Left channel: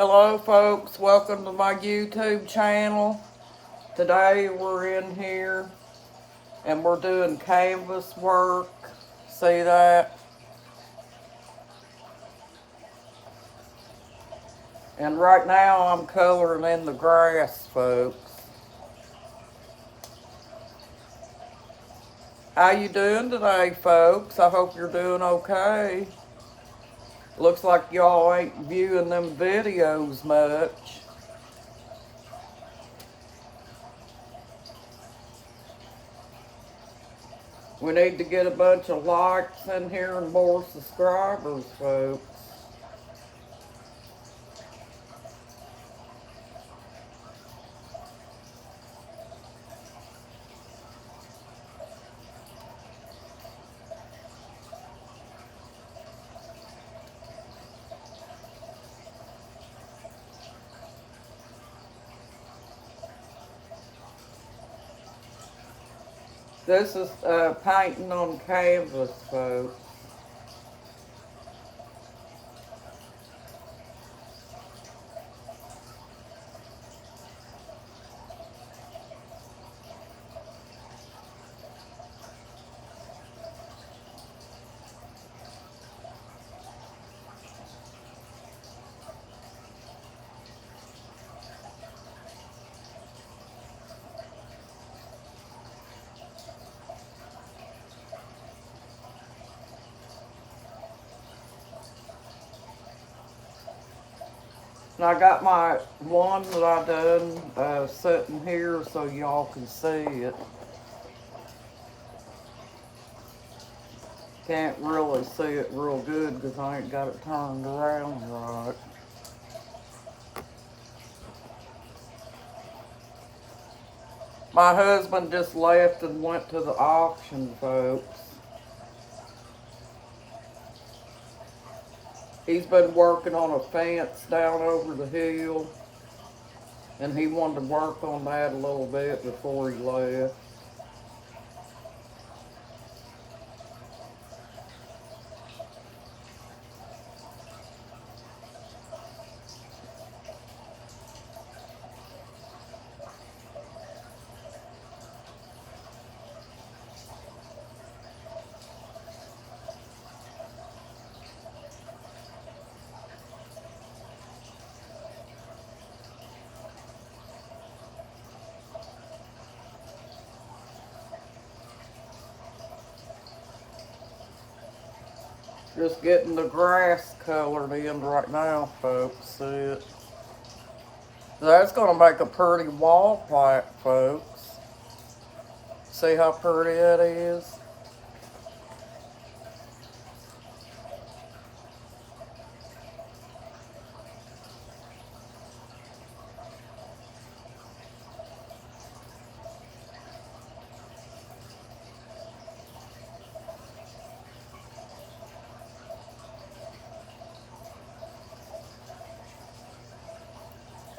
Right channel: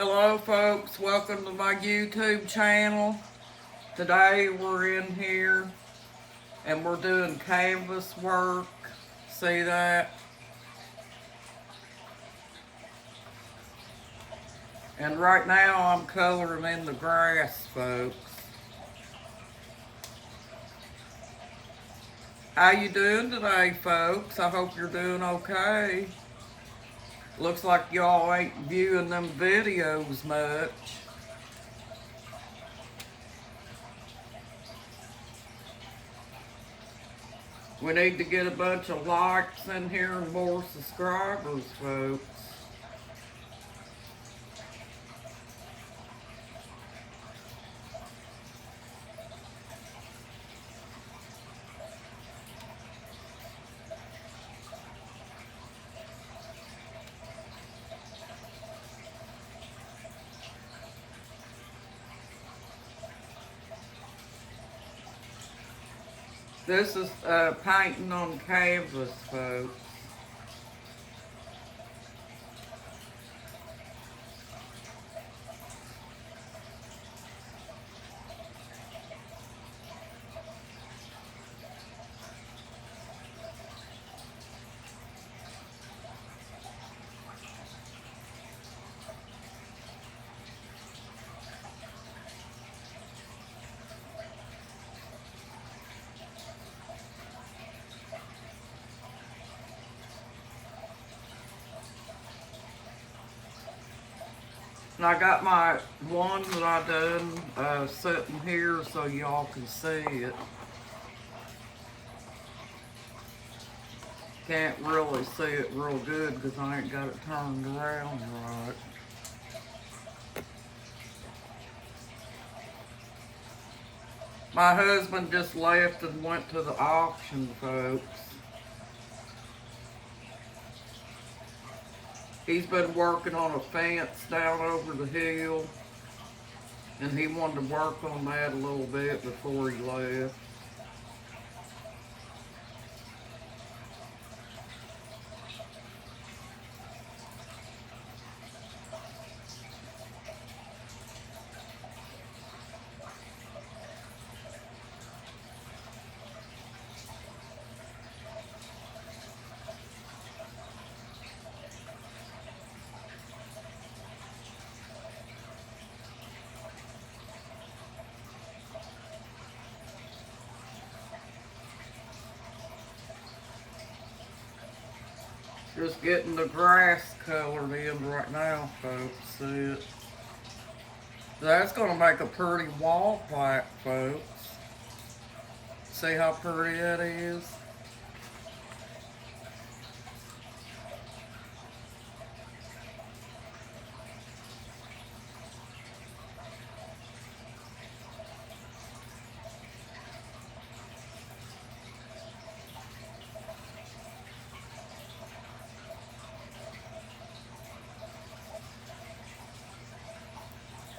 Hello folks, welcome to my YouTube channel. Today we're in here and we're doing canvas work. See that? And right now I'm coloring in the grass, folks. How you doing today, folks? I hope you're doing okay. Looks like y'all ain't viewing them videos much. We need to get a bunch of likes in here and more subscribers, folks. This is painting on canvas, folks. And I got my one that I done sitting here so y'all can see it. Can't really see it real good because I ain't got it turned around right. My husband just left and went to the auction, folks. He's been working on a fence down over the hill, and he wanted to work on that a little bit before he left. Just getting the grass colored in right now, folks. See it? That's gonna make a pretty wall plaque, folks. See how pretty it is?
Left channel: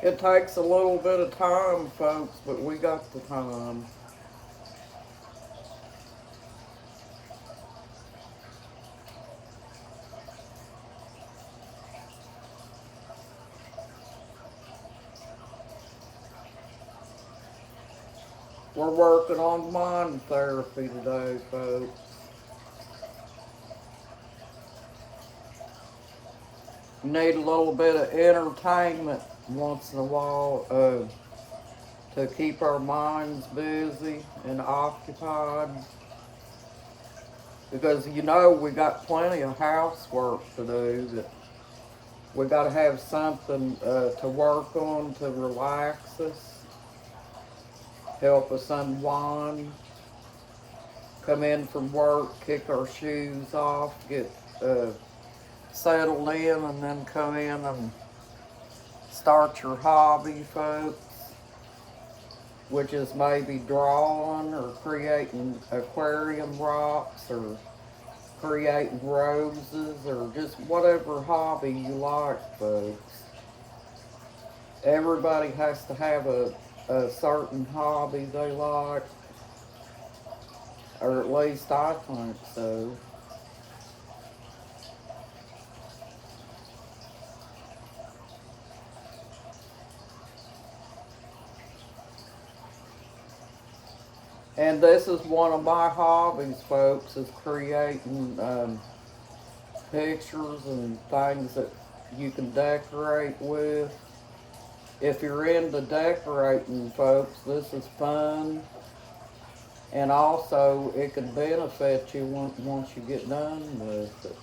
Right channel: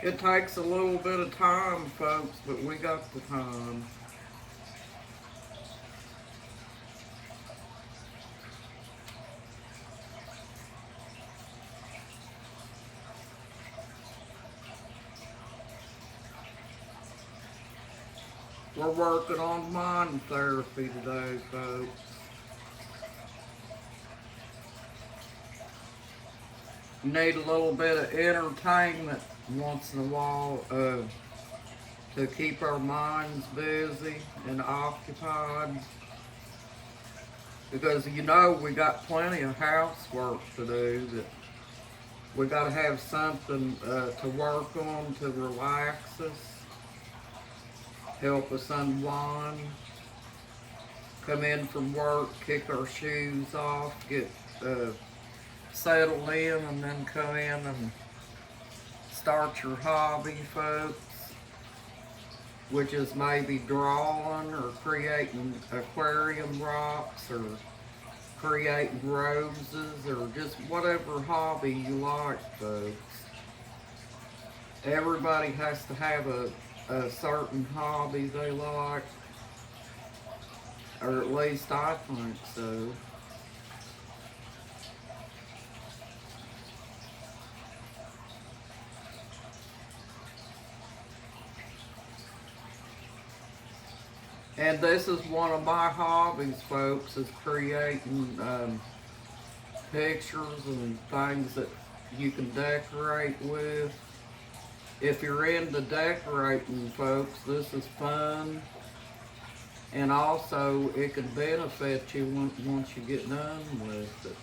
It takes a little bit of time, folks, but we got the time. We're working on mind therapy today, folks. You need a little bit of entertainment once in a while to keep our minds busy and occupied. Because you know we got plenty of housework to do that we got to have something to work on to relax us, help us unwind, come in from work, kick our shoes off, get settled in, and then come in and start your hobby, folks, which is maybe drawing or creating aquarium rocks or creating roses or just whatever hobby you like, folks. Everybody has to have a certain hobby they like, or at least I think so. And this is one of my hobbies, folks, is creating pictures and things that you can decorate with. If you're into decorating, folks, this is fun. And also, it can benefit you once you get done with it.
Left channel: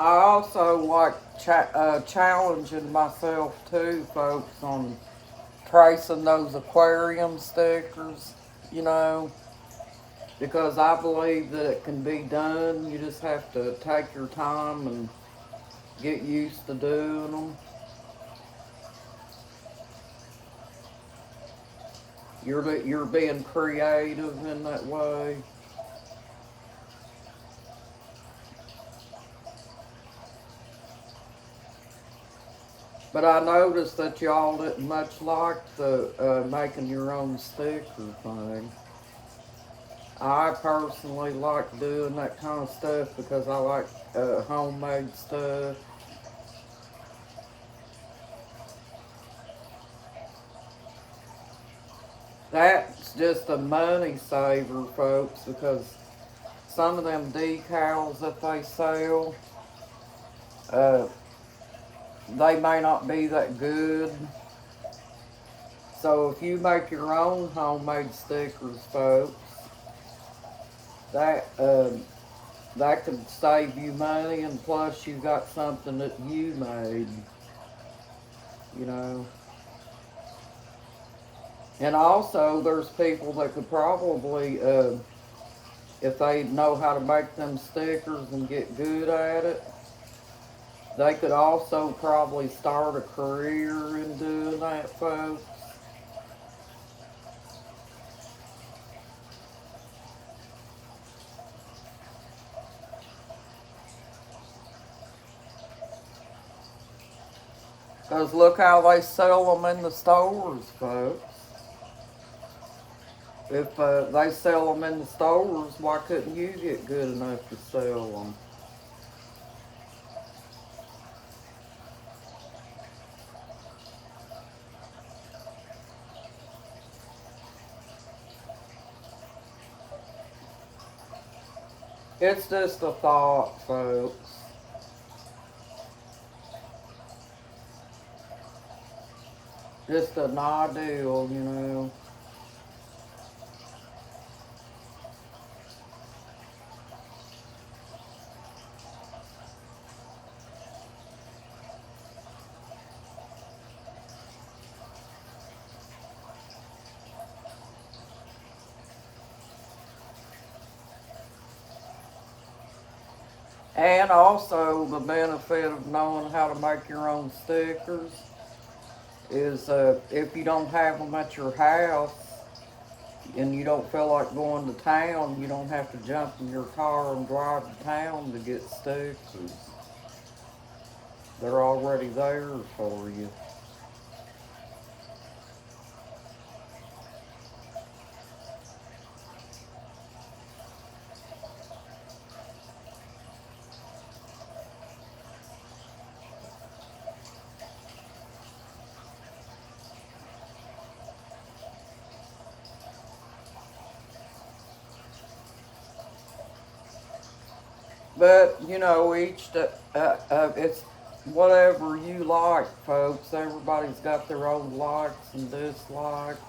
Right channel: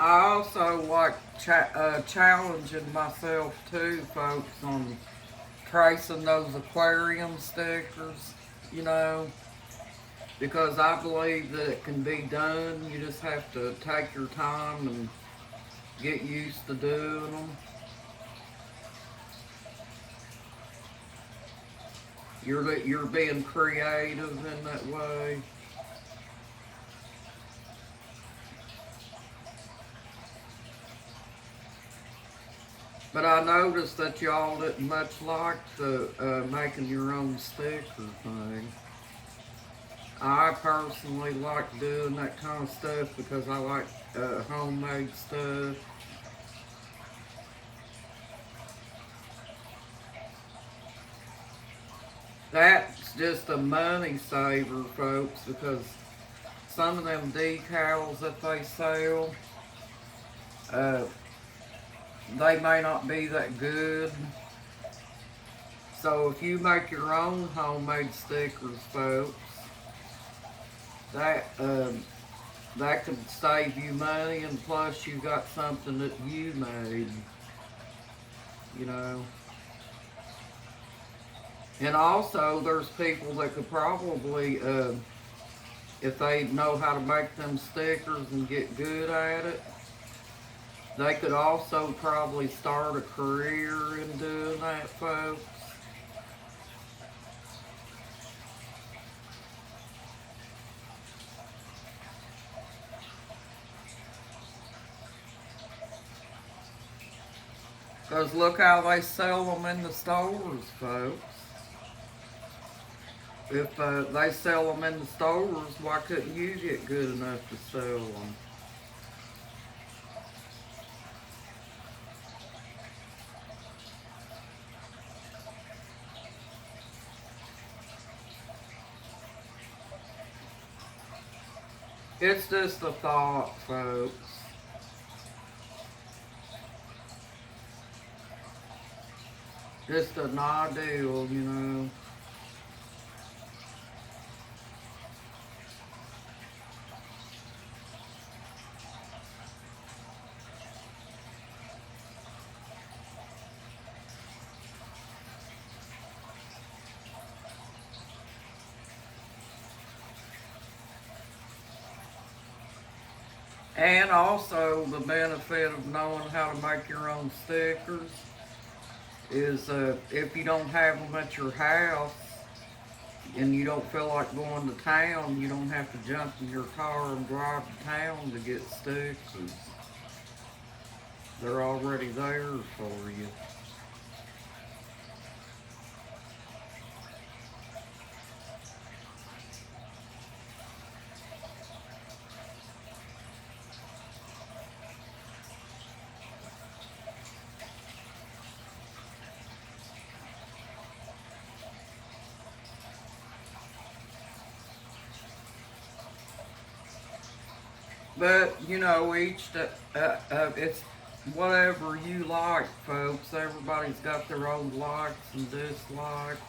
I also like challenging myself too, folks, on tracing those aquarium stickers, you know, because I believe that it can be done. You just have to take your time and get used to doing them. You're being creative in that way. But I noticed that y'all didn't much like the making your own sticker thing. I personally like doing that kind of stuff because I like homemade stuff. That's just a money saver, folks, because some of them decals that they sell, uh, they may not be that good. So if you make your own homemade stickers, folks, that that could save you money, and plus you got something that you made, you know. And also, there's people that could probably, if they know how to make them stickers and get good at it, they could also probably start a career in doing that, folks. Because look how they sell them in the stores, folks. If they sell them in the stores, why couldn't you get good enough to sell them? It's just a thought, folks. Just an ideal, you know. And also, the benefit of knowing how to make your own stickers is if you don't have them at your house and you don't feel like going to town, you don't have to jump in your car and drive to town to get stickers. They're already there for you. But you know, it's whatever you like, folks. Everybody's got their own likes and dislikes.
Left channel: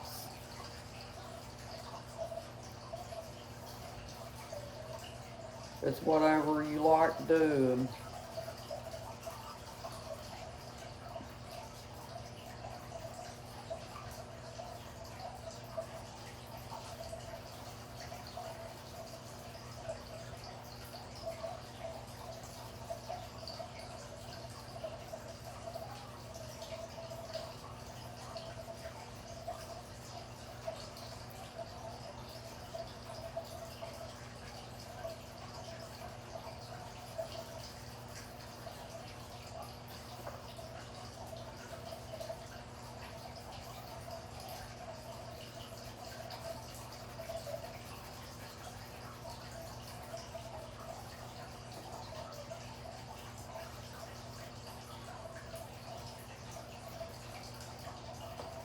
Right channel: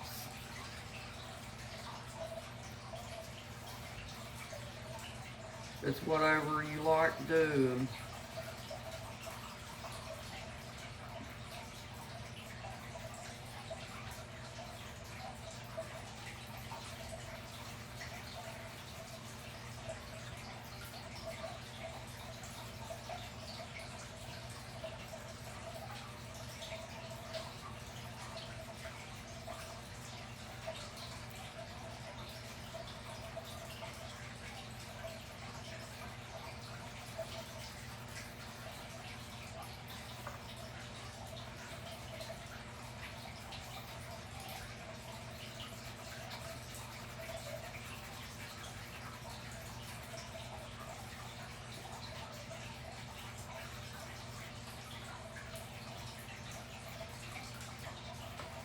It's whatever you like doing.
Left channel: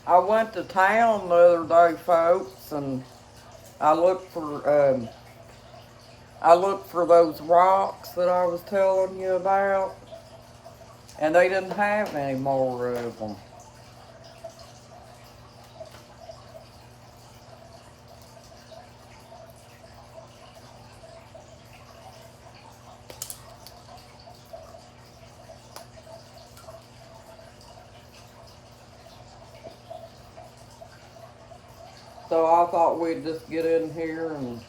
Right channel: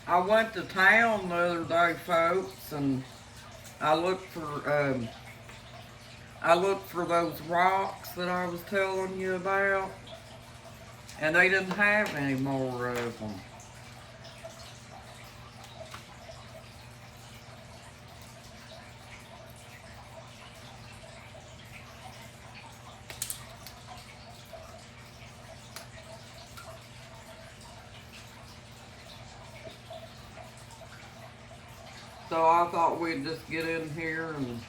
I went to town the other day, folks, and I looked for I looked for those rocks that I was telling you about, and they didn't have any more of them. So I thought we'd just get in here and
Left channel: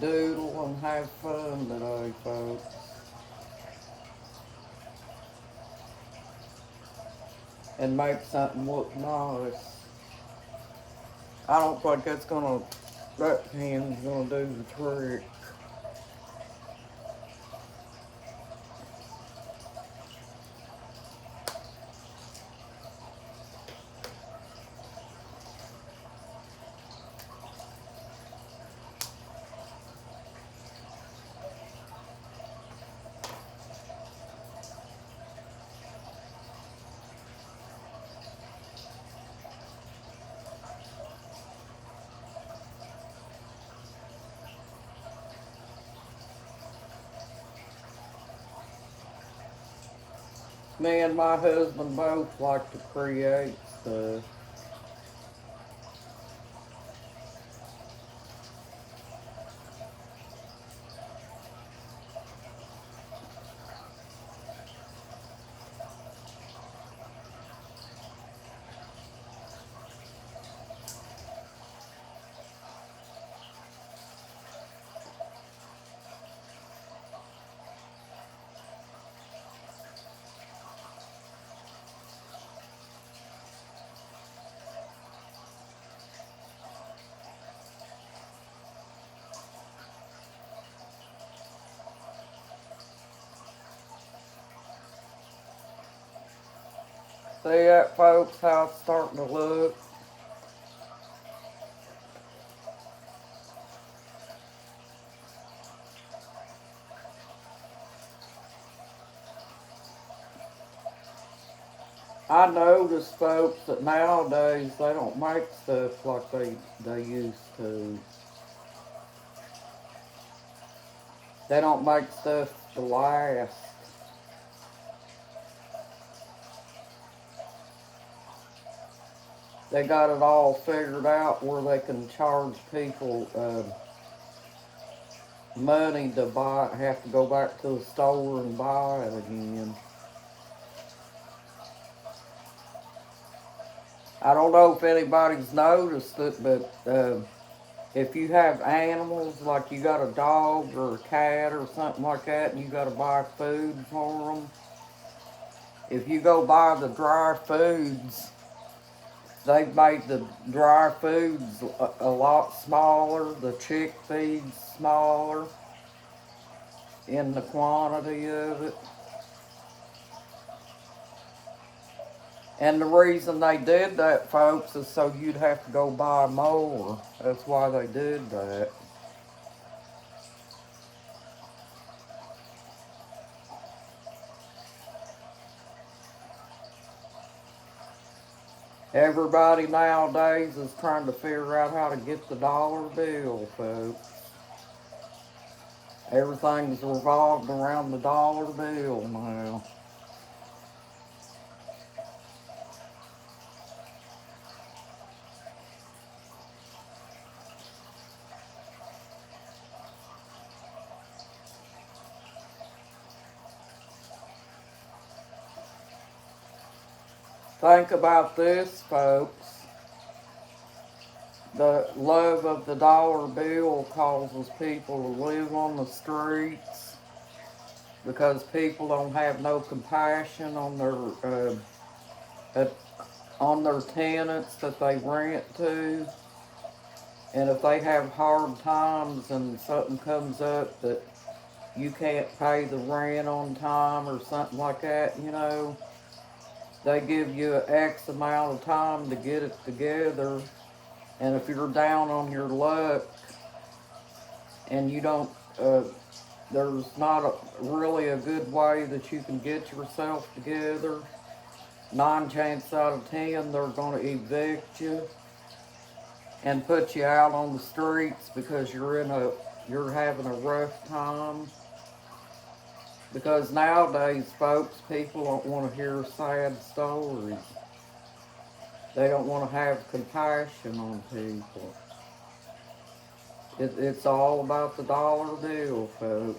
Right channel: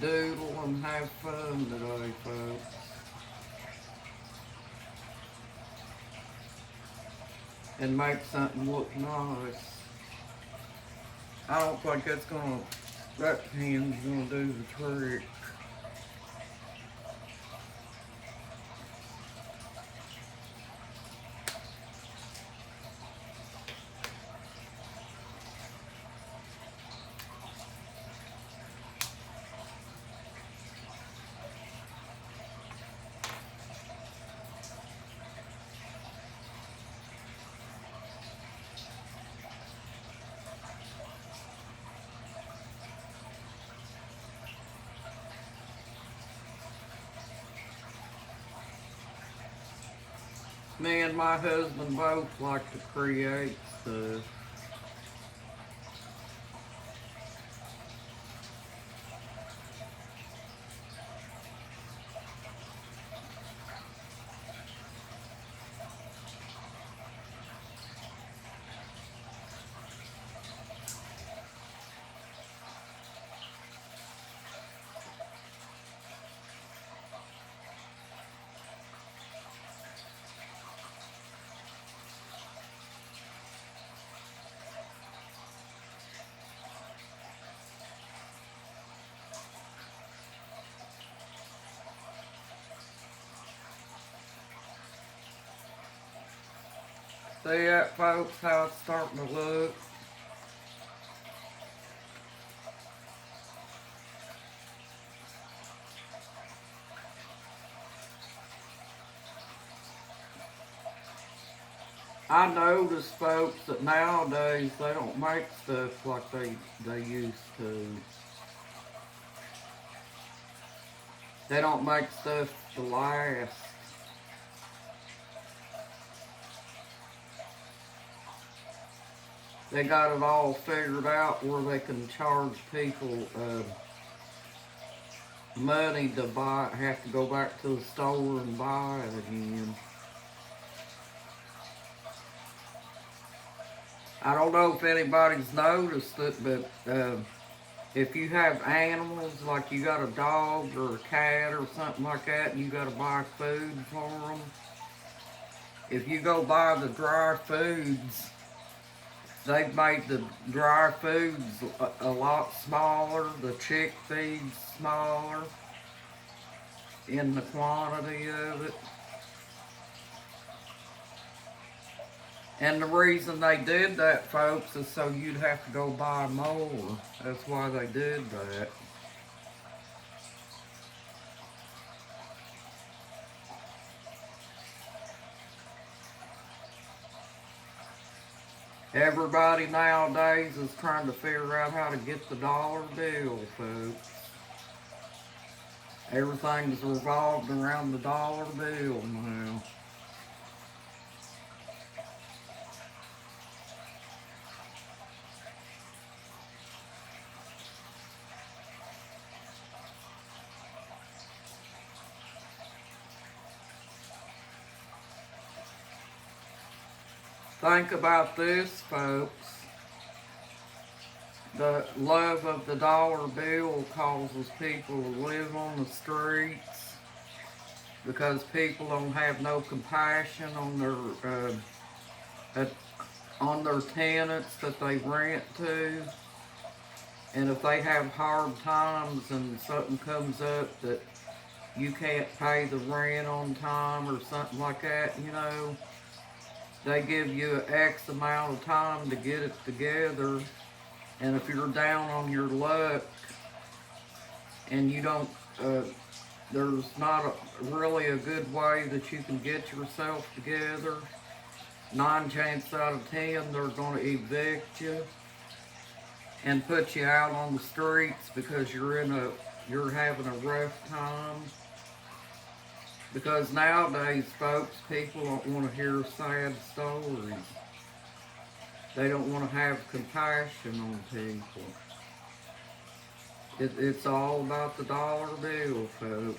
doodle and have fun today, folks. And make something look nice. I don't think that hand's gonna do the trick. Me and my husband both like to create stuff. See that, folks, how it's starting to look? I notice, folks, that nowadays they don't make stuff like they used to. They don't make stuff to last. They got it all figured out where they can charge people money to buy it, have to go back to the store and buy it again. I don't know if anybody's noticed it, but if you have animals, like you got a dog or a cat or something like that, and you got to buy food for them, if you go buy the dry foods, they've made the dry foods a lot smaller, the chick feeds smaller in the quantity of it. And the reason they did that, folks, is so you'd have to go buy more. That's why they did that. Everybody nowadays is trying to figure out how to get the dollar bill, folks. Everything's revolved around the dollar bill now. Think about this, folks. The love of the dollar bill causes people to live on the streets because people don't have no compassion uh, on their tenants that they rent to. And if they have hard times and something comes up that you can't pay the rent on time or something like that, they give you an X amount of time to get it together. And if you're down on your luck and you don't, there's not really a good way that you can get yourself together, 9 chances out of 10 they're going to evict you and put you out on the streets because you're having a rough time. Because nowadays, folks, people don't want to hear sad stories. They don't want to have compassion on people. It's all about the dollar bill, folks.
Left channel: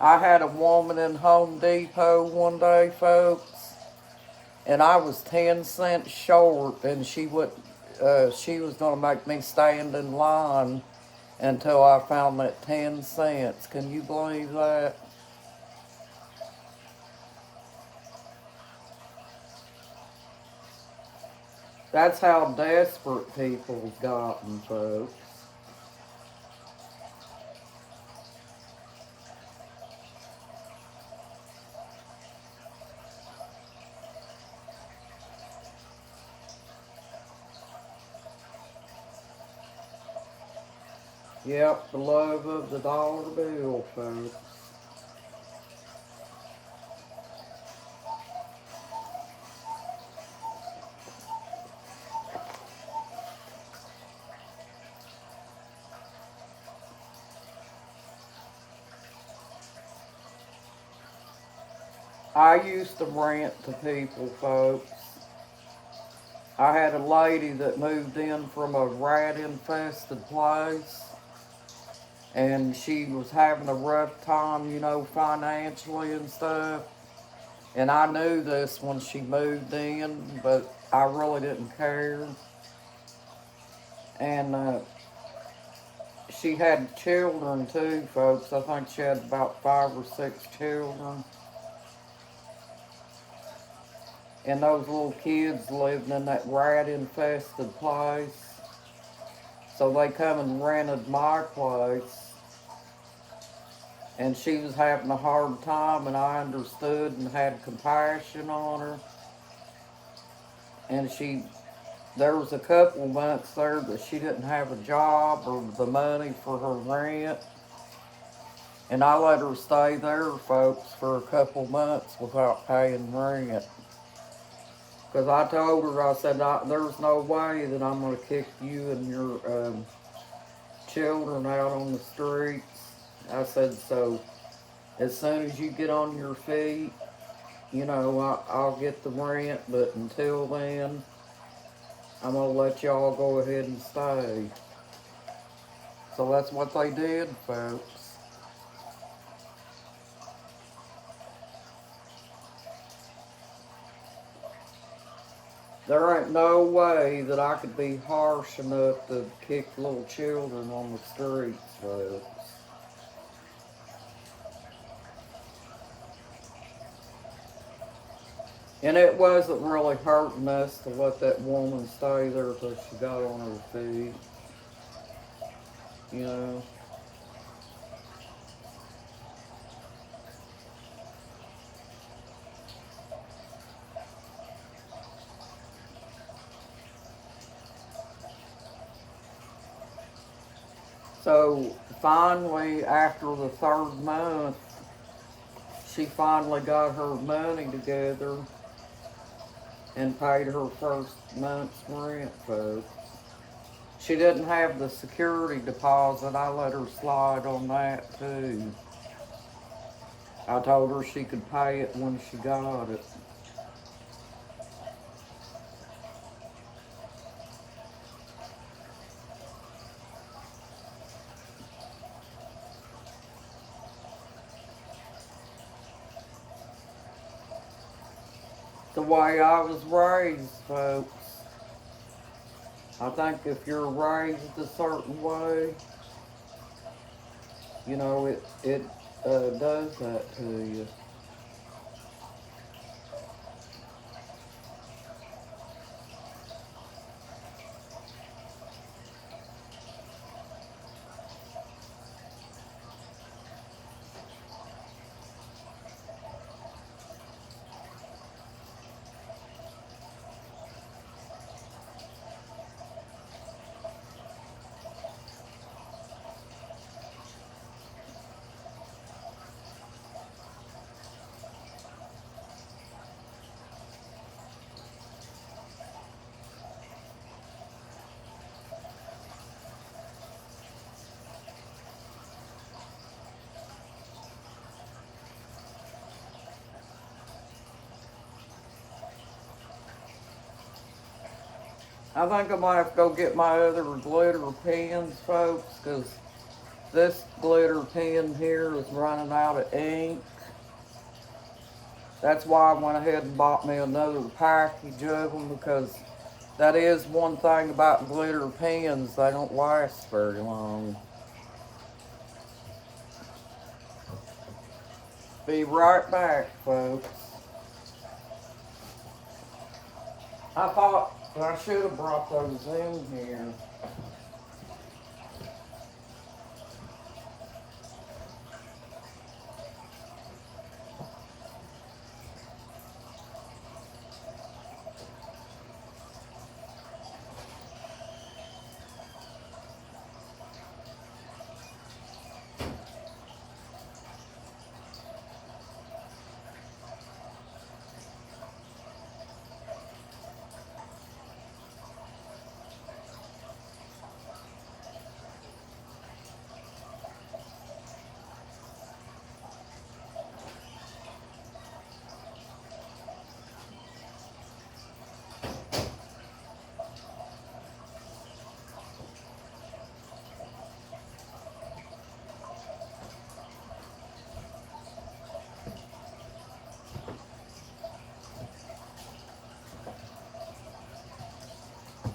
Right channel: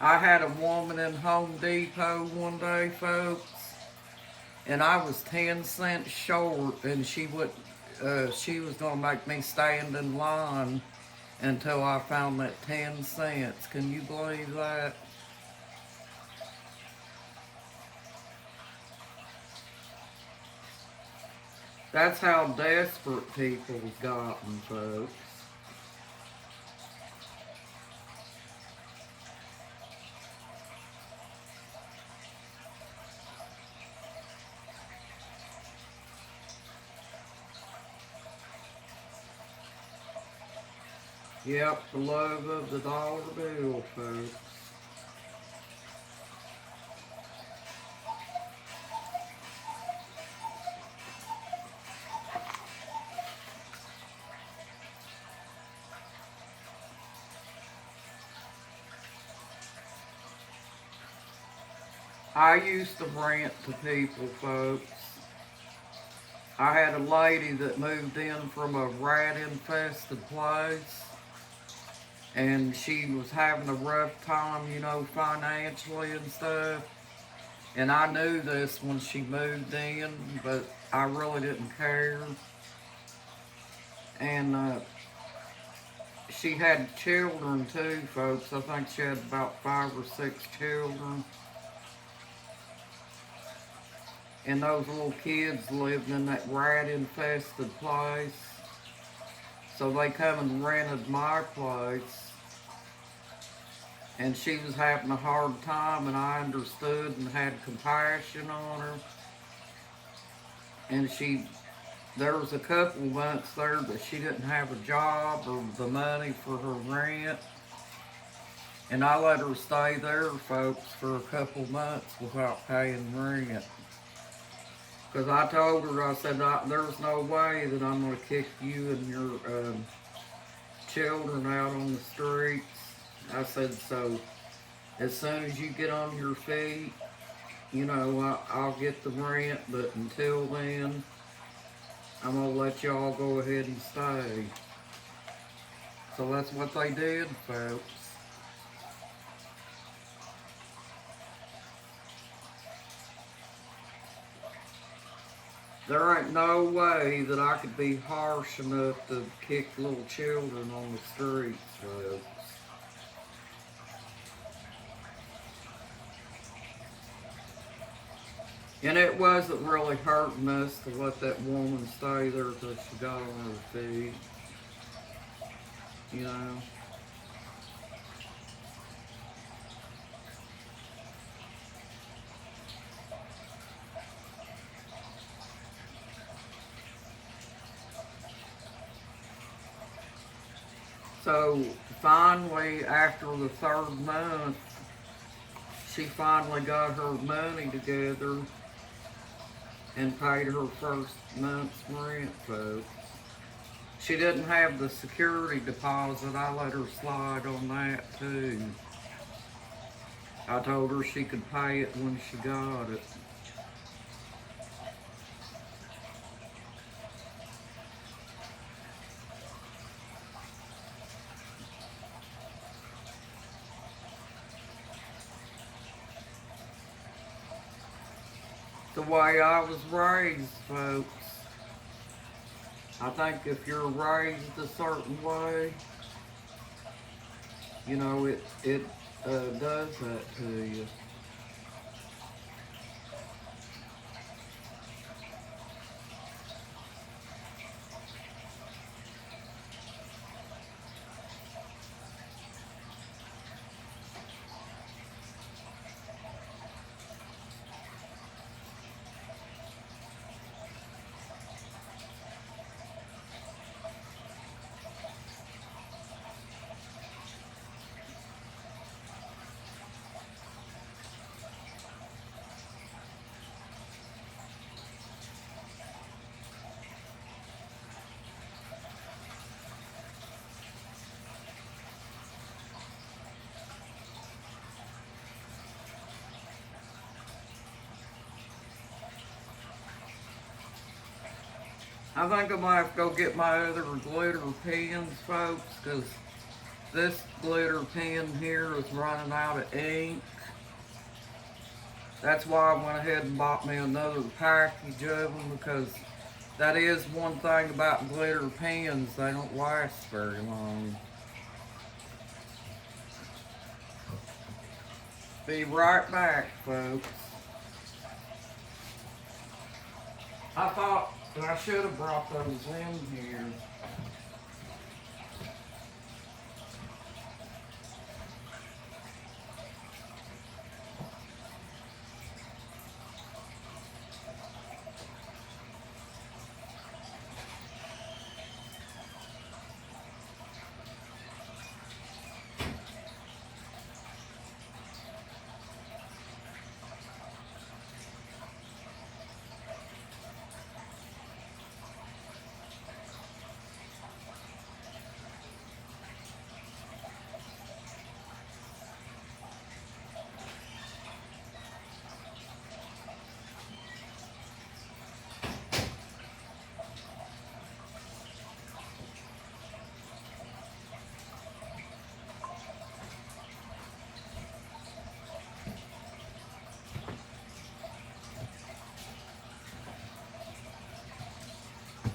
I had a woman in Home Depot one day, folks, and I was 10 cents short, and she was going to make me stand in line until I found that 10 cents. Can you believe that? That's how desperate people have gotten, folks. Yep, the love of the dollar bill, folks. I used to rent to people, folks. I had a lady that moved in from a rat-infested place, and she was having a rough time, financially and stuff. And I knew this when she moved in, but I really didn't care. And she had children too, folks. I think she had about 5 or 6 children. And those little kids lived in that rat-infested place. So they come and rented my place. And she was having a hard time, and I understood and had compassion on her. And there was a couple months there that she didn't have a job or the money for her rent. And I let her stay there, folks, for a couple months without paying rent. Because I told her, I said, there's no way that I'm going to kick you and your children out on the streets. I said, so as soon as you get on your feet, I'll get the rent, but until then, I'm going to let y'all go ahead and stay. So that's what they did, folks. There ain't no way that I could be harsh enough to kick little children on the streets, folks. And it wasn't really hurting us to let that woman stay there till she got on her feet. You know? So finally, after the 3rd month, she finally got her money together and paid her first month's rent, folks. She didn't have the security deposit. I let her slide on that too. I told her she could pay it when she got it. the way I was raised, folks. I think if you're raised a certain way, you know, it does that to you. I think I might have to go get my other glitter pens, folks, because this glitter pen here is running out of ink. That's why I went ahead and bought me another package of them, because that is one thing about glitter pens, they don't last very long. Be right back, folks. I thought I should have brought those in here.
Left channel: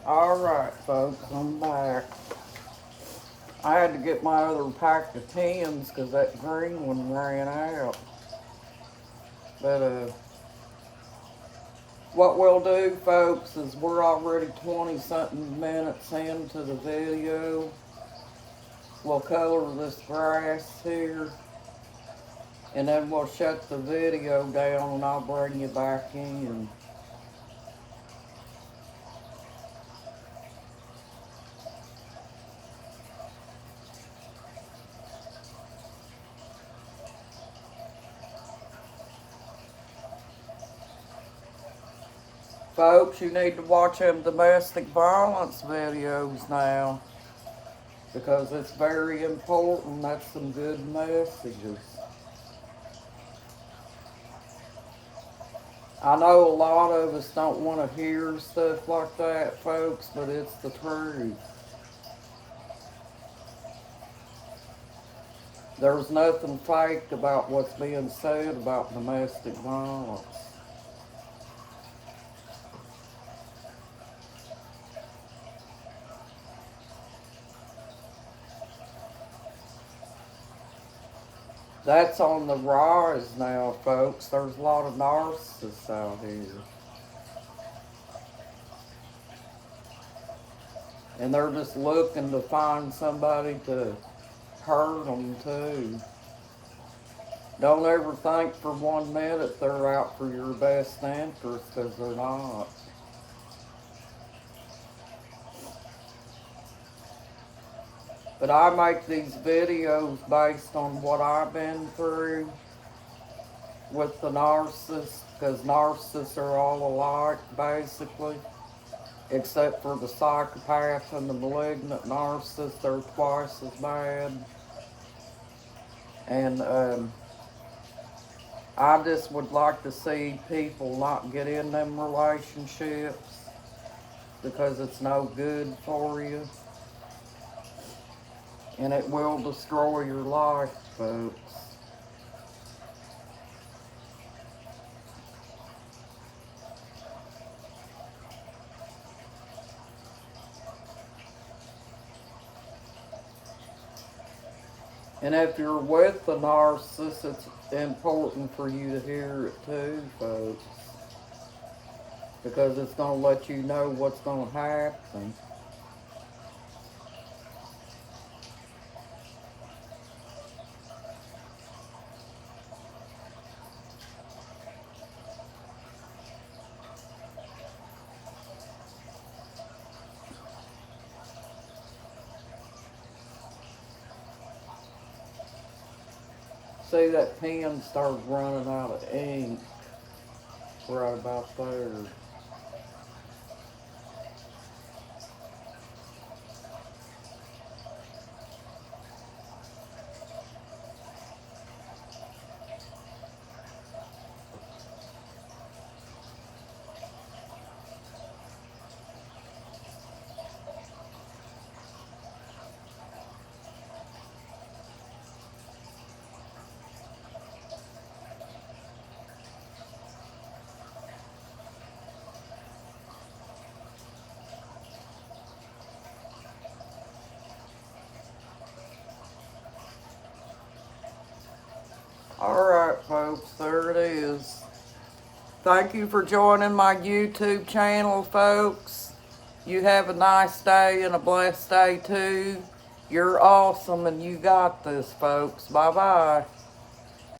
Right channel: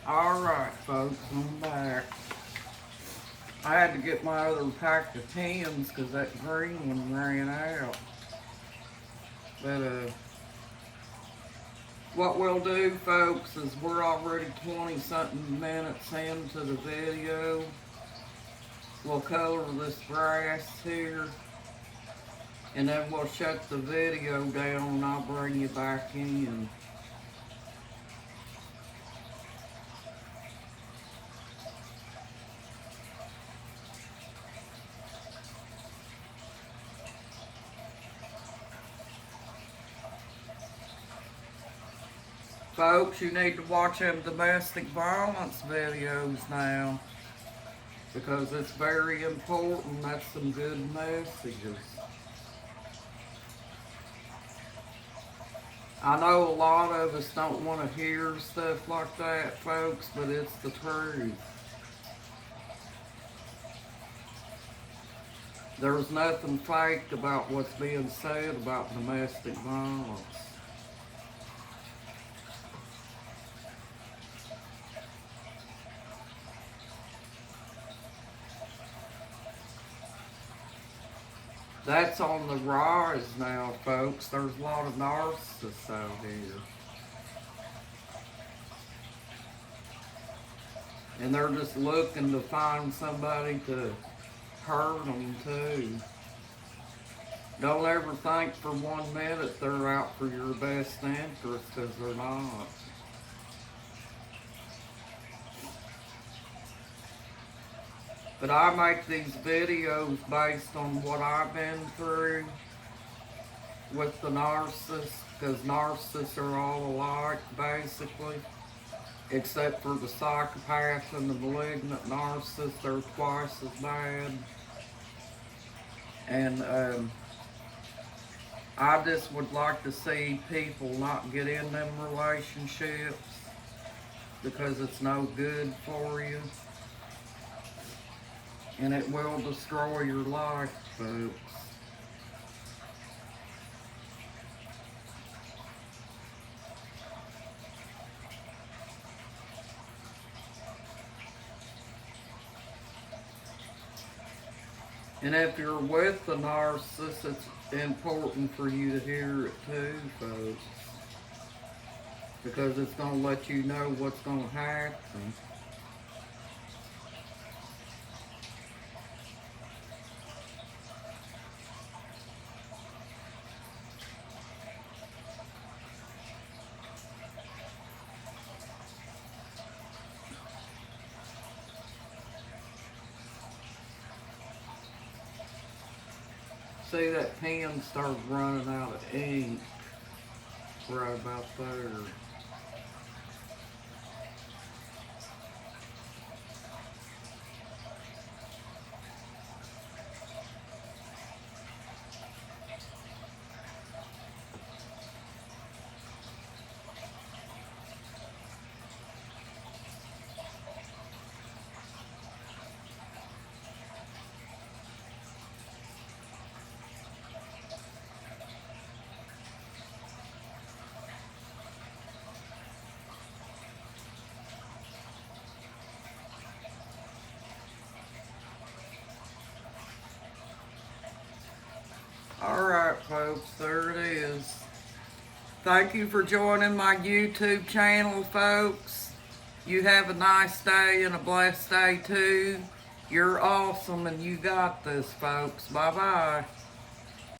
Alright, folks, I'm back. I had to get my other pack of tens because that green one ran out. But, what we'll do, folks, is we're already 20-something minutes into the video. We'll color this grass here. And then we'll shut the video down and I'll bring you back in. Folks, you need to watch them domestic violence videos now, because it's very important. That's some good messages. I know a lot of us don't want to hear stuff like that, folks, but it's the truth. There's nothing fake about what's being said about domestic violence. That's on the rise now, folks. There's a lot of narcissists out here. And they're just looking to find somebody to hurt them too. Don't ever think for 1 minute they're out for your best interest, because they're not. But I make these videos based on what I've been through with the narcissists, because narcissists are all alike, basically. Except for the psychopath and the malignant narcissist, they're twice as bad. And I just would like to see people not get in them relationships, because it's no good for you. And it will destroy your life, folks. And if you're with the narcissist, it's important for you to hear it too, folks. Because it's going to let you know what's going to happen. See, that pen started running out of ink right about there. Alright, folks, there it is. Thank you for joining my YouTube channel, folks. You have a nice day and a blessed day, too. You're awesome, and you got this, folks. Bye-bye.